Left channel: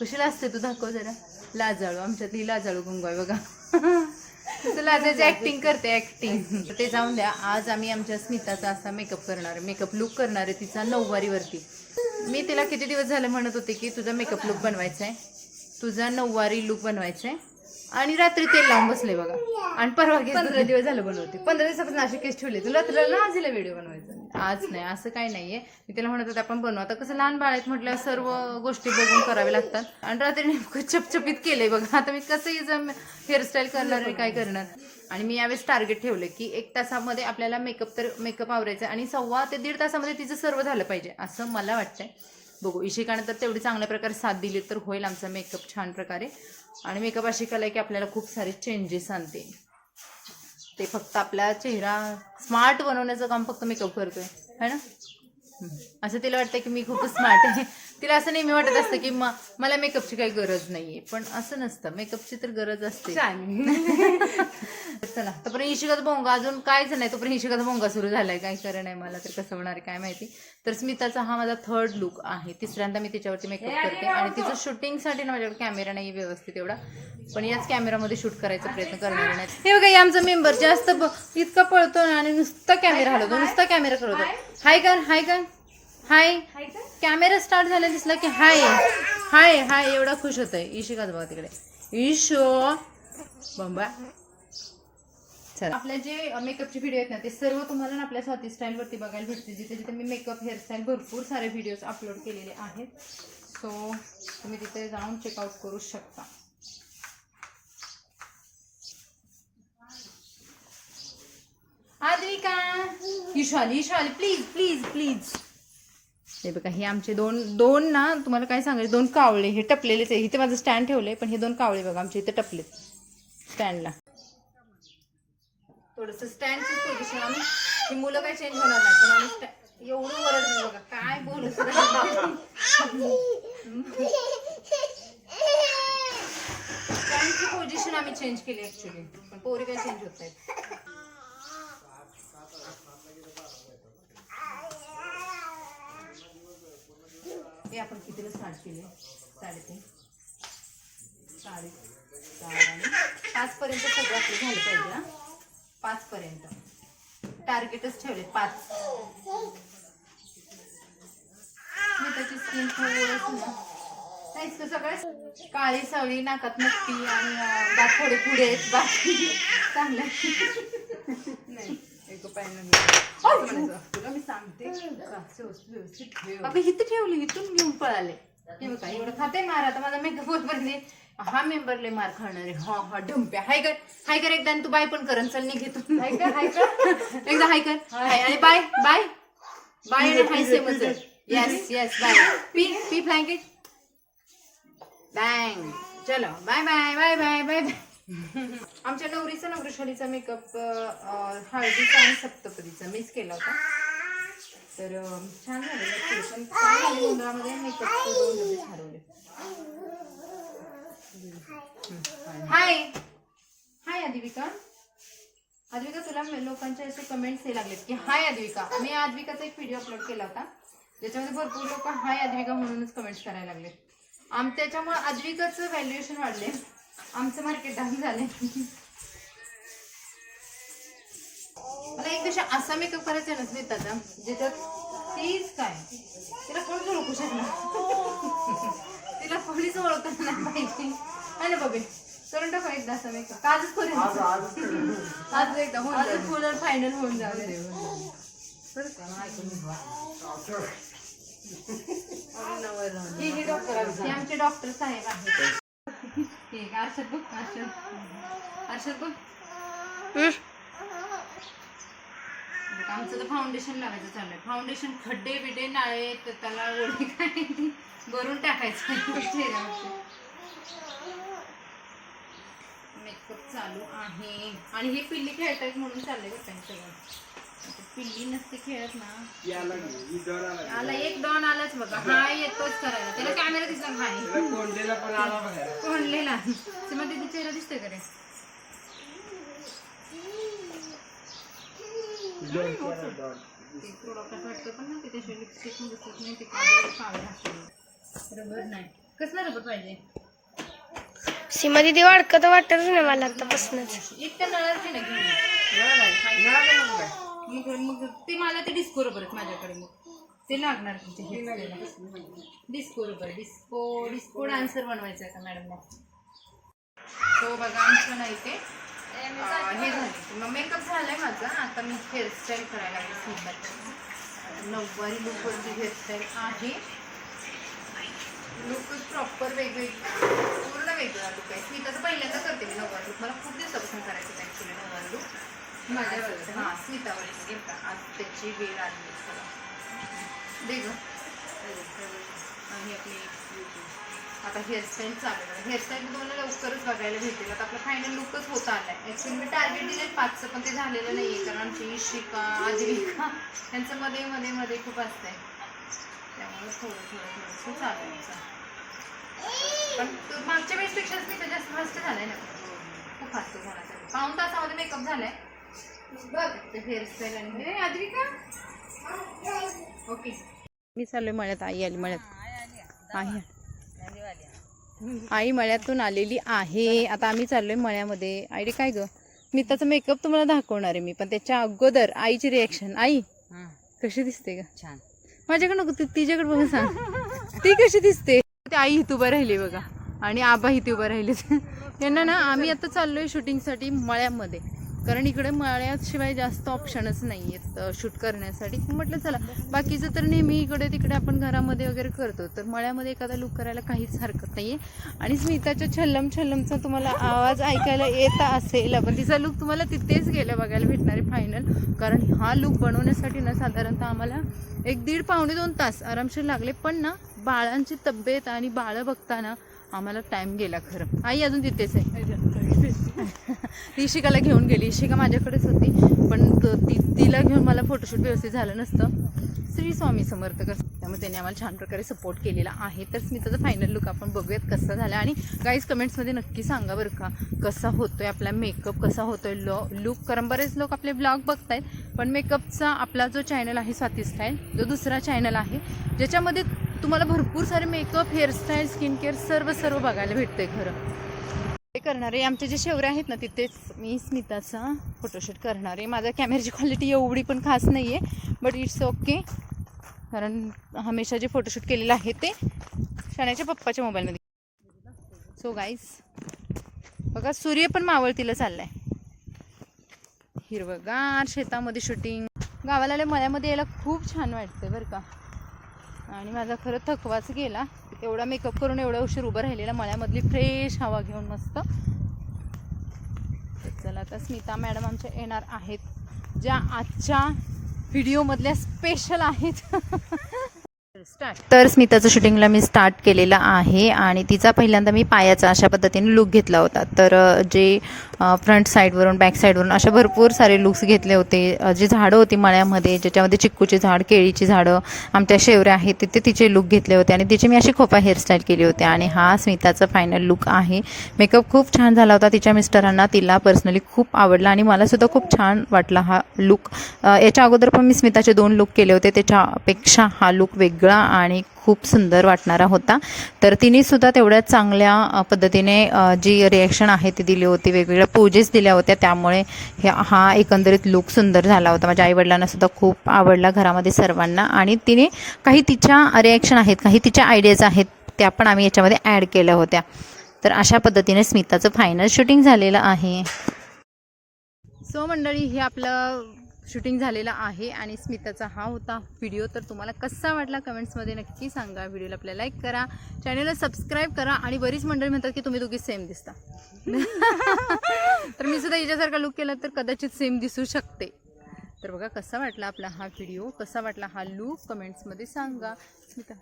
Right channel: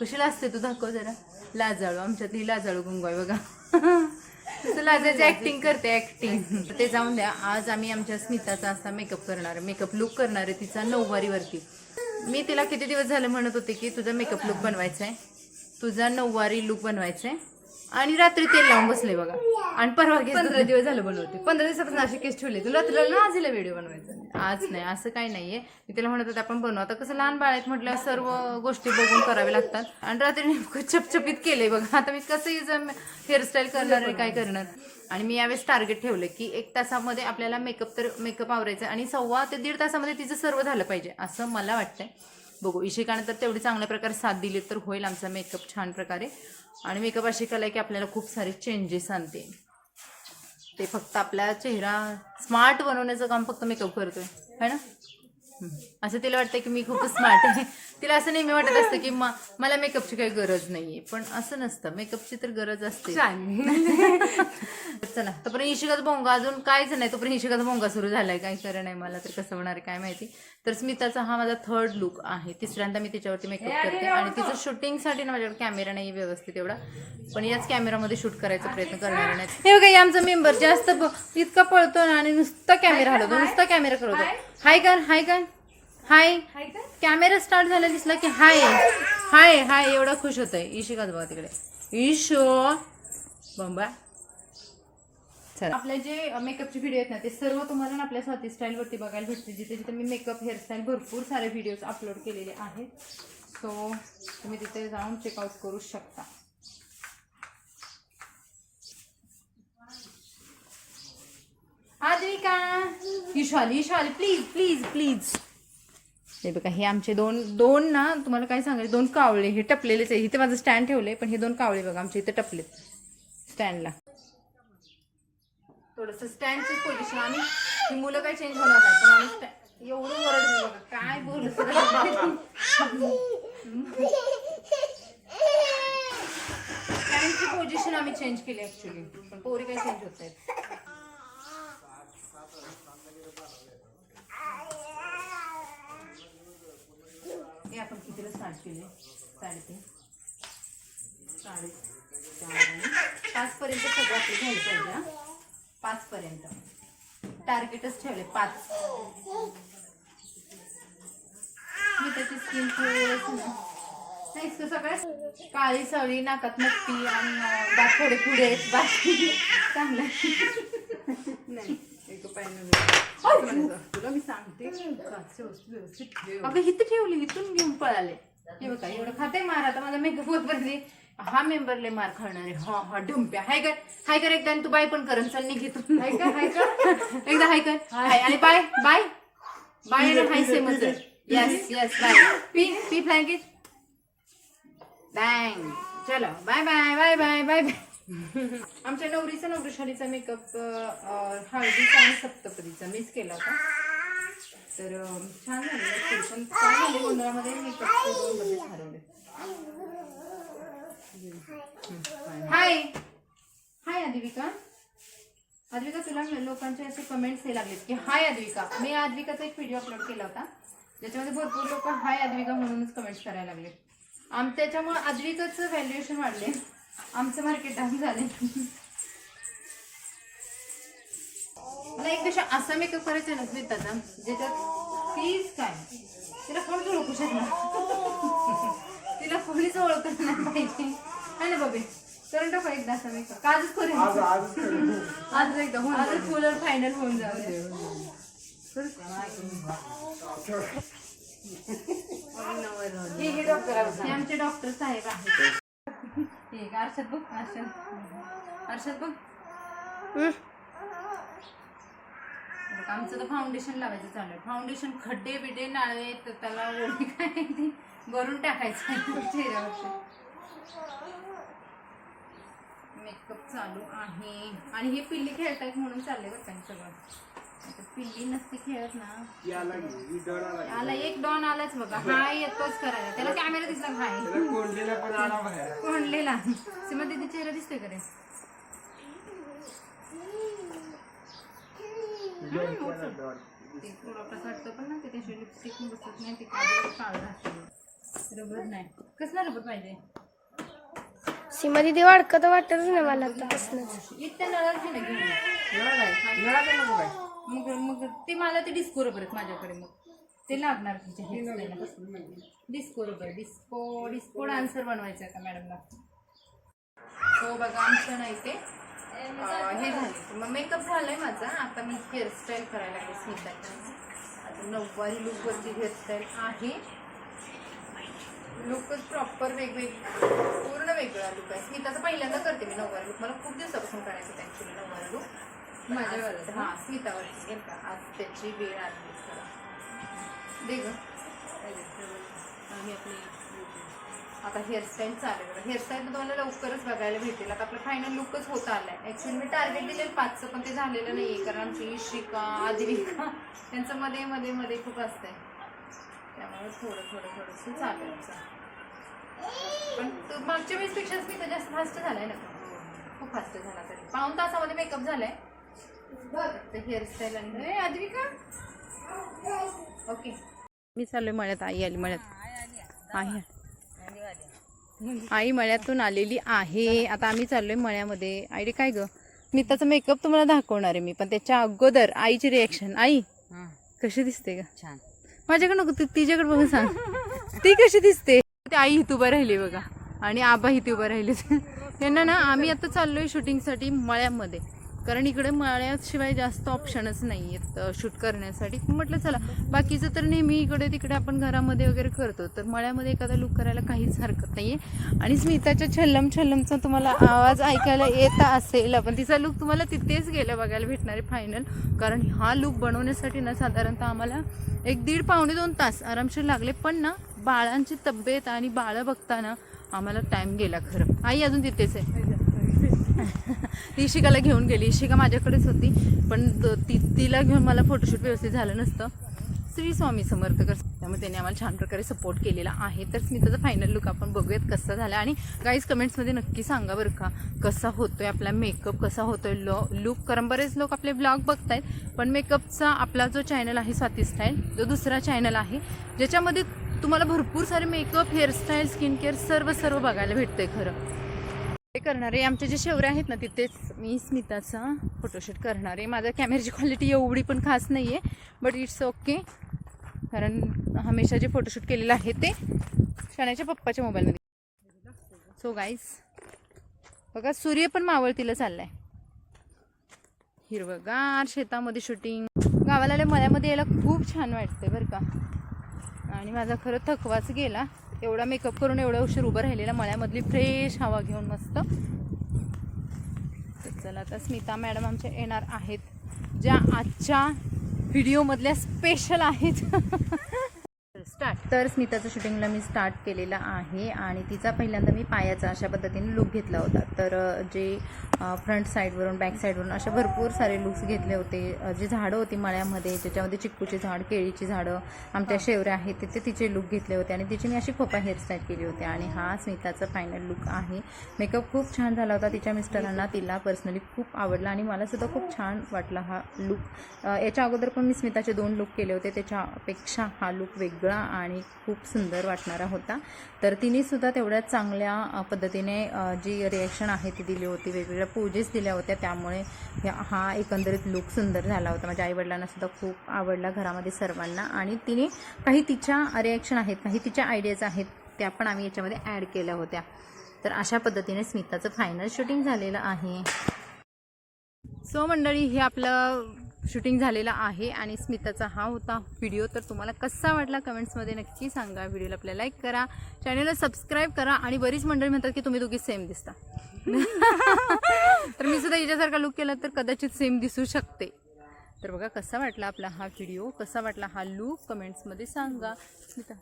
कशी लाजते तू, दाखव जरा. लाजाळू, आमच्यातली लाजाळू गंगू आहे बघा. तसं लाजायची ऍक्टिंग करते, ऍक्टिंग. ते जाऊन द्या. आज आम्ही आमच्या स्मिताचा असा मेकअप करणार आहे, मेकअप लुक करणार आहे तिचा 9 वारीवरती. मी तिला किती दिवस झाले म्हणत होते की तुझा मेकअप लुक बनवायचा आहे, तुझा 9 वारी लुक बनवायचा आहे. आणि रात्री तेल लावून बसले बघा. आणि परवा 15 दिवस झालं बनवते. 15 दिवसापासून अशी केस ठेवले. तुला रात्रीला आजीला व्हिडिओ बनवायचा. आज नाही, असं काही नाहीये. मी तिला म्हणत होते आपण बनवू. आता कसं लहान बाळ आहेत म्हटलं, सर्व गोष्टी बघून कराव्या लागतात. आणि रात्री नेमकं चपचपीत केलंय बघा. आता मी कसं हेअरस्टाईल करणार आहे, काय करणार. आणि मी यावेळेस टार्गेट ठेवलं की 1 तासामध्ये आपल्याला मेकअप आवरायचा आणि 1.25 ते 1.5 तासामध्ये तिचं सर्व झालं पाहिजे असं मला वाटतंय. बघू, इशिकाने तर तेवढी चांगल्या प्रकारे साथ दिली तर होईल आमचा मेकअप छान प्रकारे. आणि मेकअप अशी कला आहे की आपल्याला खूप सारे चेंजेस आणते. ते फक्त आपला चेहरा स्मार्ट बनवण्याचं काम फक्त मेकअप करतोय, है ना. असं तिला वाटतं की मी खूप स्मार्ट आहे. तिला असं नेहमी वाटत असतं की मला मेकअपची काही गरज नाहीये, पण असं नसतं. मेकअपची तर गरज असते. चला, तोपर्यंत इशिकाचा भोंगा अजून काहीच नाही, तोपर्यंत इशिकाचा भोंगा सुरू झालाय. काही खरं नाही, मला तर कसं होणार आहे काय माहिती. तर स्मिताचा हा माझा 3rd लुक आहे. तिसऱ्यांदा मी तिच्यावरती मेकअप करते. आणि तिचं शूटिंगसाठी ना माझ्याकडे कॅमेरा नाही व्यवस्थित एवढा, पण याच कॅमेरामध्ये शूट करायचा प्रयत्न करणार नाही. हे बघा, आमचा मेंबर जास्त इतका पळतो आणि नुसता कॅमेरा हलवतो, नुसता कॅमेरा करतो. हाय कर, हाय कर, हाय. कॅमेरा स्टार्ट झाला दिसला की हाय हाय हाय एवढा खुश होतोय. इशिकाच बघा तिकडे, ईशो बंबा. चला, आपल्या जे मेकअपचे व्हिडिओ आहेत ना ते सर्व तुम्हाला ना आपल्या स्वाती स्टाईल वरती बघायला भेटते. जिथे जिथे मी मेकअप हेअरस्टाईल भरपूर सारे व्हिडिओज अपलोड केलेले आहेत. सो तुम्ही तिथे जाऊन चेकआउट करू शकता. आद्विका, ईशाली प्लीज प्लीज प्लीज. हे बघा, हे आमचे दोन ना, तुम्हाला काय सांगायचं, 2 कावळे हे टपलेलेच आहे. इथे माझं स्टँड ठेवलंय, पण हे 2 कावळे बघा आमच्या इथे टपलेत स्टँडला. थोडंसं स्टँडचीच पोझिशन आम्ही, ही मुलं काही चेंज होणार नाही, पण आम्ही एवढं ओरडलं बघा, काय बोलू. स्टँडची पोझिशन आम्ही चेंज केली ऍक्च्युली, पण पोरी काही चेंज होत नाहीत. हे आपण कितीला स्टार्ट केले, 3:30, 4:30 आणि 5 पर्यंत सगळं आपलं झालं पाहिजे. हा, 5 पर्यंत टार्गेटच ठेवले, 5. मी त्याची स्किन नाही सगळं काळी सवळी, नाकात नक्की आणि दात थोडे पुढे आहेत, बाकी चांगलं नाही. तुला मी सांगते अगं, इथं ठेवली, इथून घेऊन पळाले. हे बघा, एवढं खाते मार. आता माझा मेकअप होतपर्यंत हा मेंबरले मार खाणार आहे. हा हा डुंप्या. हाय कर, हाय कर एकदा. आणि तू बाय पण कर, चल निघेतून. हाय कर, हाय कर एकदा, हाय कर, हाय. आणि बाय बाय बाय ना, हाय सेमच. Yes yes, bye. पी फ्लँकेट बँग. चलो bye bye bye bye bye bye. आमच्या नवरीचा नवरीशालीचा मेकअप हळदीचा आणि सप्तपदीचा मिस केला होता, तर छान झालेलं. पण काय झाले, गोंधळामध्ये मेकअपचे 2 डबे हरवले. हाय हाय आद्विका. आद्विका, तुला लोकांचे असे कमेंट्स हे लागलेत की हाय आद्विका. मी आद्विकाचा एक व्हिडिओ अपलोड केला होता, ज्याच्यामध्ये भरपूर लोक हाय आद्विका म्हणूनच कमेंट्स करायला लागले. त्याच्यामुळे आद्विकाचं व्हॅल्युएशन वाढले, आमचं मार्केट डाऊन झाले. मला एक दिवशी असा मेकअप करायचा नसले त्याचा, ज्याच्यात तीच काय तिला कोणच ओळखू शकणार, तिला कोणीच ओळखत नाही पाहिजे, है ना बघे. करून टाकू एकदा असा मेकअप. आजच करेन, आज एकदा होऊन, आजच फुल फायनल होऊन जाऊ दे. हे आमचे डॉक्टर साहेब आहेत. अर्षद बघ, अर्षद बघ. आमचं तर फाउंडेशन लावायचं चाललंय. फाउंडेशन खड्डे बिडे नाळे तर त्याला ओढी काय भरून टाकायचं चेहऱ्यावरती. मेकअप चालू आहे. आणि हे पिल्ली खेळतायत म्हणून चाललंय बघ काही सगळं. पिल्ली नसती खेळत ना. आला एक डॉन आलाच बघा. हा येतोच करायला. त्याला कॅमेरा दिसला काय कोंडलेला पण आला बघा. कोंडलेला सीमा दीदी चेहरा दिसतोय का रे? ते थोडं कसं वाटतं पण ना, ते त्याशी लिपस्टिक बसत नाही, ते काळं राहते. रबर नाही, कसला रबर पाहिजे? सीमा दिदी वाटत वाटतच नाही मला आतापासूनच. इतक्या नळाच घे ना घेऊन मग ते मला ते डिस्को रबर आहेत माझ्याकडे, मग ते लागणार डिस्को रबर. डिस्को डान्सर बनवायचं आहे का मॅडमला? तो बघा आमचं नाही ते हे झालं. मग मेकअप झालाय माझा. आता मी हेअरस्टाईल करायला लागते स्मिताची. नऊवारी लुकवरची हेअरस्टाईल आहे. लुक प्रॉपर वेगळी, पूर्ण वेगळा लुक आहे. स्मिताचं पहिल्यांदा करते मी नऊवारी लुक. मला खूप दिवसापासून करायचं आहे ॲक्च्युली नऊवारी लुक माझ्यावर. हां स्मितावरची घेत का, आज त्याची वेळ आली वेग. आणि आपली आता हेअरस्टाईल चालू आहे. हेअरस्टाईल तुम्हाला लवकरच बघायला भेटेल. आता आपला फायनल लुकच होत आला आहे. ॲक्च्युली मी टार्गेट दिले 5चं, पण ते झालेलं नाही आहे, कारण आमची इशिका आजरिका त्यांचं मध्ये मध्ये मध्ये खूप असतं आहे, त्यामुळे थोडंसं चालू आहे. पण मागच्या वेळेसपेक्षा मी तर जास्त फास्ट झाला आहे ना, खूप फास्ट झाला. तर पाऊण तासामध्ये मेकअप झाला आहे. हेअरस्टाईल आणि आजरिका ओके. मी चाललोय मळ्यात. आई आली मळ्यात. आई मळ्यातून आलेली आहे. आता आम्ही चाललोय मळ्यामध्ये. आईडी काय ग, मी त्याचा मेकअप तुम्हाला दाखवणार आहे मी, पण त्याच्या अगोदर आईची रिॲक्शन. आई कशी दिसते का? छान. माझ्याकडे नको, तिच्याकडे बघून सांग ती कशी दिसते. ते आई इथं उभं राहिली बघा, आणि आबा इथे उभं राहिले. यांना ना आम्ही आता चाललोय शूटिंगसाठी मळ्यामध्ये, कारण इकडे मळ्याशिवाय जास्त ऑप्शनच नाही आहेत शूट करण्यासाठी. म्हटलं चला, बाकीचं तर नेहमी इकडे तिकडे आपण घरामध्ये वगैरे करतो, तर मळ्यामध्ये एखादा लुक करायला काहीच हरकत नाही आहे. आणि स्मिताच्या छल्लमचा तुम्हाला आवाज ऐकायला येत असेल, पण तिचा लुक तुम्हाला तिथेच गेलं बघायला भेटणार आहे फायनल. कारण हा लुक बनवण्यासाठी ना साधारणतः आम्हाला 1-1.5 पावणे 2 तास आरामशीर लागले. पण ना बाळांची तब्येत आणि बाळं बघताना आम्हाला टाईम गेला खरं. आई अजून तिथेच आहे. इशिकाला घेऊन गेली. इशिका माझ्याकडेच होती, पण तिला घेऊन मला फोटोशूट व्यवस्थित झालं नसतं. श्री स्वामी समर्थ कसं, त्यामुळे त्यांनी आम्हाला छान प्रकारे सपोर्ट केलेला आहे. तर स्मिताचा फायनल लुक आपण बघूयात कसा झाला. आणि गाईज कमेंट्समध्ये नक्की सांगा बरं का, कसा होतोय आपला मेकअप, कसा होतोय लुक. कारण बरेच लोक आपले ब्लॉग बघतायत, पण मेकअपचा आपला जो चॅनल आहे स्वाती स्टाईल, जो दुसरा चॅनल आहे ज्याच्यामध्ये तुम्हाला भरपूर सारे मेकअप, हेअरस्टाईल, स्किन केअर सर्व बघायला भेटतंय खरं. ते करणारे आमचे जे शेवरे आहेत ना, तिथेच मी स्मिताचा फोटोशूट करणार आहे. माझ्या कॅमेऱ्याची क्वालिटी एवढी पण खास नाही आहे, बट इट्स ओके, कारण हमेशा जे फोटोशूट केलेलं आहे ते शाण्याच्या पप्पाच्या मोबाईलमध्ये. सो गाईज बघा, सूर्य पण मावळतीला चाललाय. हिरवगार शेतामध्ये शूटिंग. गावाला आल्या मळ्यामध्ये यायला खूप छान वाटतंय बरं का. आणि माझा खरं थकवाच गेला, एवढा मेकअप करून एवढा उशीर उभं राहिलेला मळ्यामधली फ्रेश हवा घेऊन मस्त. तर चला, आता स्मिता मॅडम आमच्या येणार आहेत, ज्या आजच्या व्हिडिओमधल्या स्पेशल आहेत. तर स्मिताचं शूटिंगला मी स्टार्ट केलेलं आहे, आणि तिचा पहिल्यांदा मी पायाचा अशा पद्धतीने लुक घेतला होता. तर जे फ्रंट साईडवरून बॅक साईडवरून अशा भरपूर सारे लुक्स घेतले होते. जी झाडं होती मळ्यामध्ये, ज्याच्यामध्ये चिक्कूचे झाड, केळीची झाडं, आमच्या शेवऱ्या आहेत, तिथे तिचे लुक घेतले होते, आणि तिची मी अशी खोपा हेअरस्टाईल केली होती. आणि हा स्मिताचा फायनल लुक आहे. मेकअप खूप छान झाला होता. तिच्या मिस्टरांना, तिला पर्सनली खूप आवडला, आणि मलासुद्धा खूप छान वाटला हा लुक. याच्या अगोदर पण मी स्मिताचे 2 लुक केले होते, त्याच्यापेक्षा हा लुक वेगळा आणि खूप सुंदर वाटणारा होता. तर तिने सुद्धा तेवढ्याच चांगल्या पद्धतीने जी रिॲक्शन आहे ती दिली होती, वेगवेगळ्या पोजेस दिल्या होत्या, त्यामुळे हा एकंदरीत लुक सुंदर झाला होता. माझ्या आईवडिलांना सुद्धा खूप आवडला, घरामध्ये सर्वांना. आणि तिने काही तिच्या रिॲक्शन आहेत, काही तिच्या आयडियाज आहेत, त्या पण आम्ही याच्यामध्ये ॲड केल्या होत्या. तर अशा पद्धतीने स्मिताचं फायनल शूटिंग झालेलं आहे. सो मंडळी, हे आपलं शूटिंग झालेलं आहे, आणि स्मिताचा हा होता व्हिडिओ. तर तुम्हाला कसा वाटला कमेंट्समध्ये नक्की सांगा. व्हिडिओला आपल्याला लाईक करा, चॅनलला सबस्क्राईब करा. आणि बरीच मंडळी म्हणतात की तुम्ही दोघी सेम दिसता. तर मी सुद्धा हिच्यासारखा लुक केला तर कदाचित सेम दिसू शकते. तर बघा कसा वाटला आपला हा व्हिडिओ, कसा वाटला हा लुक, कमेंट्समध्ये सांगा. स्मिता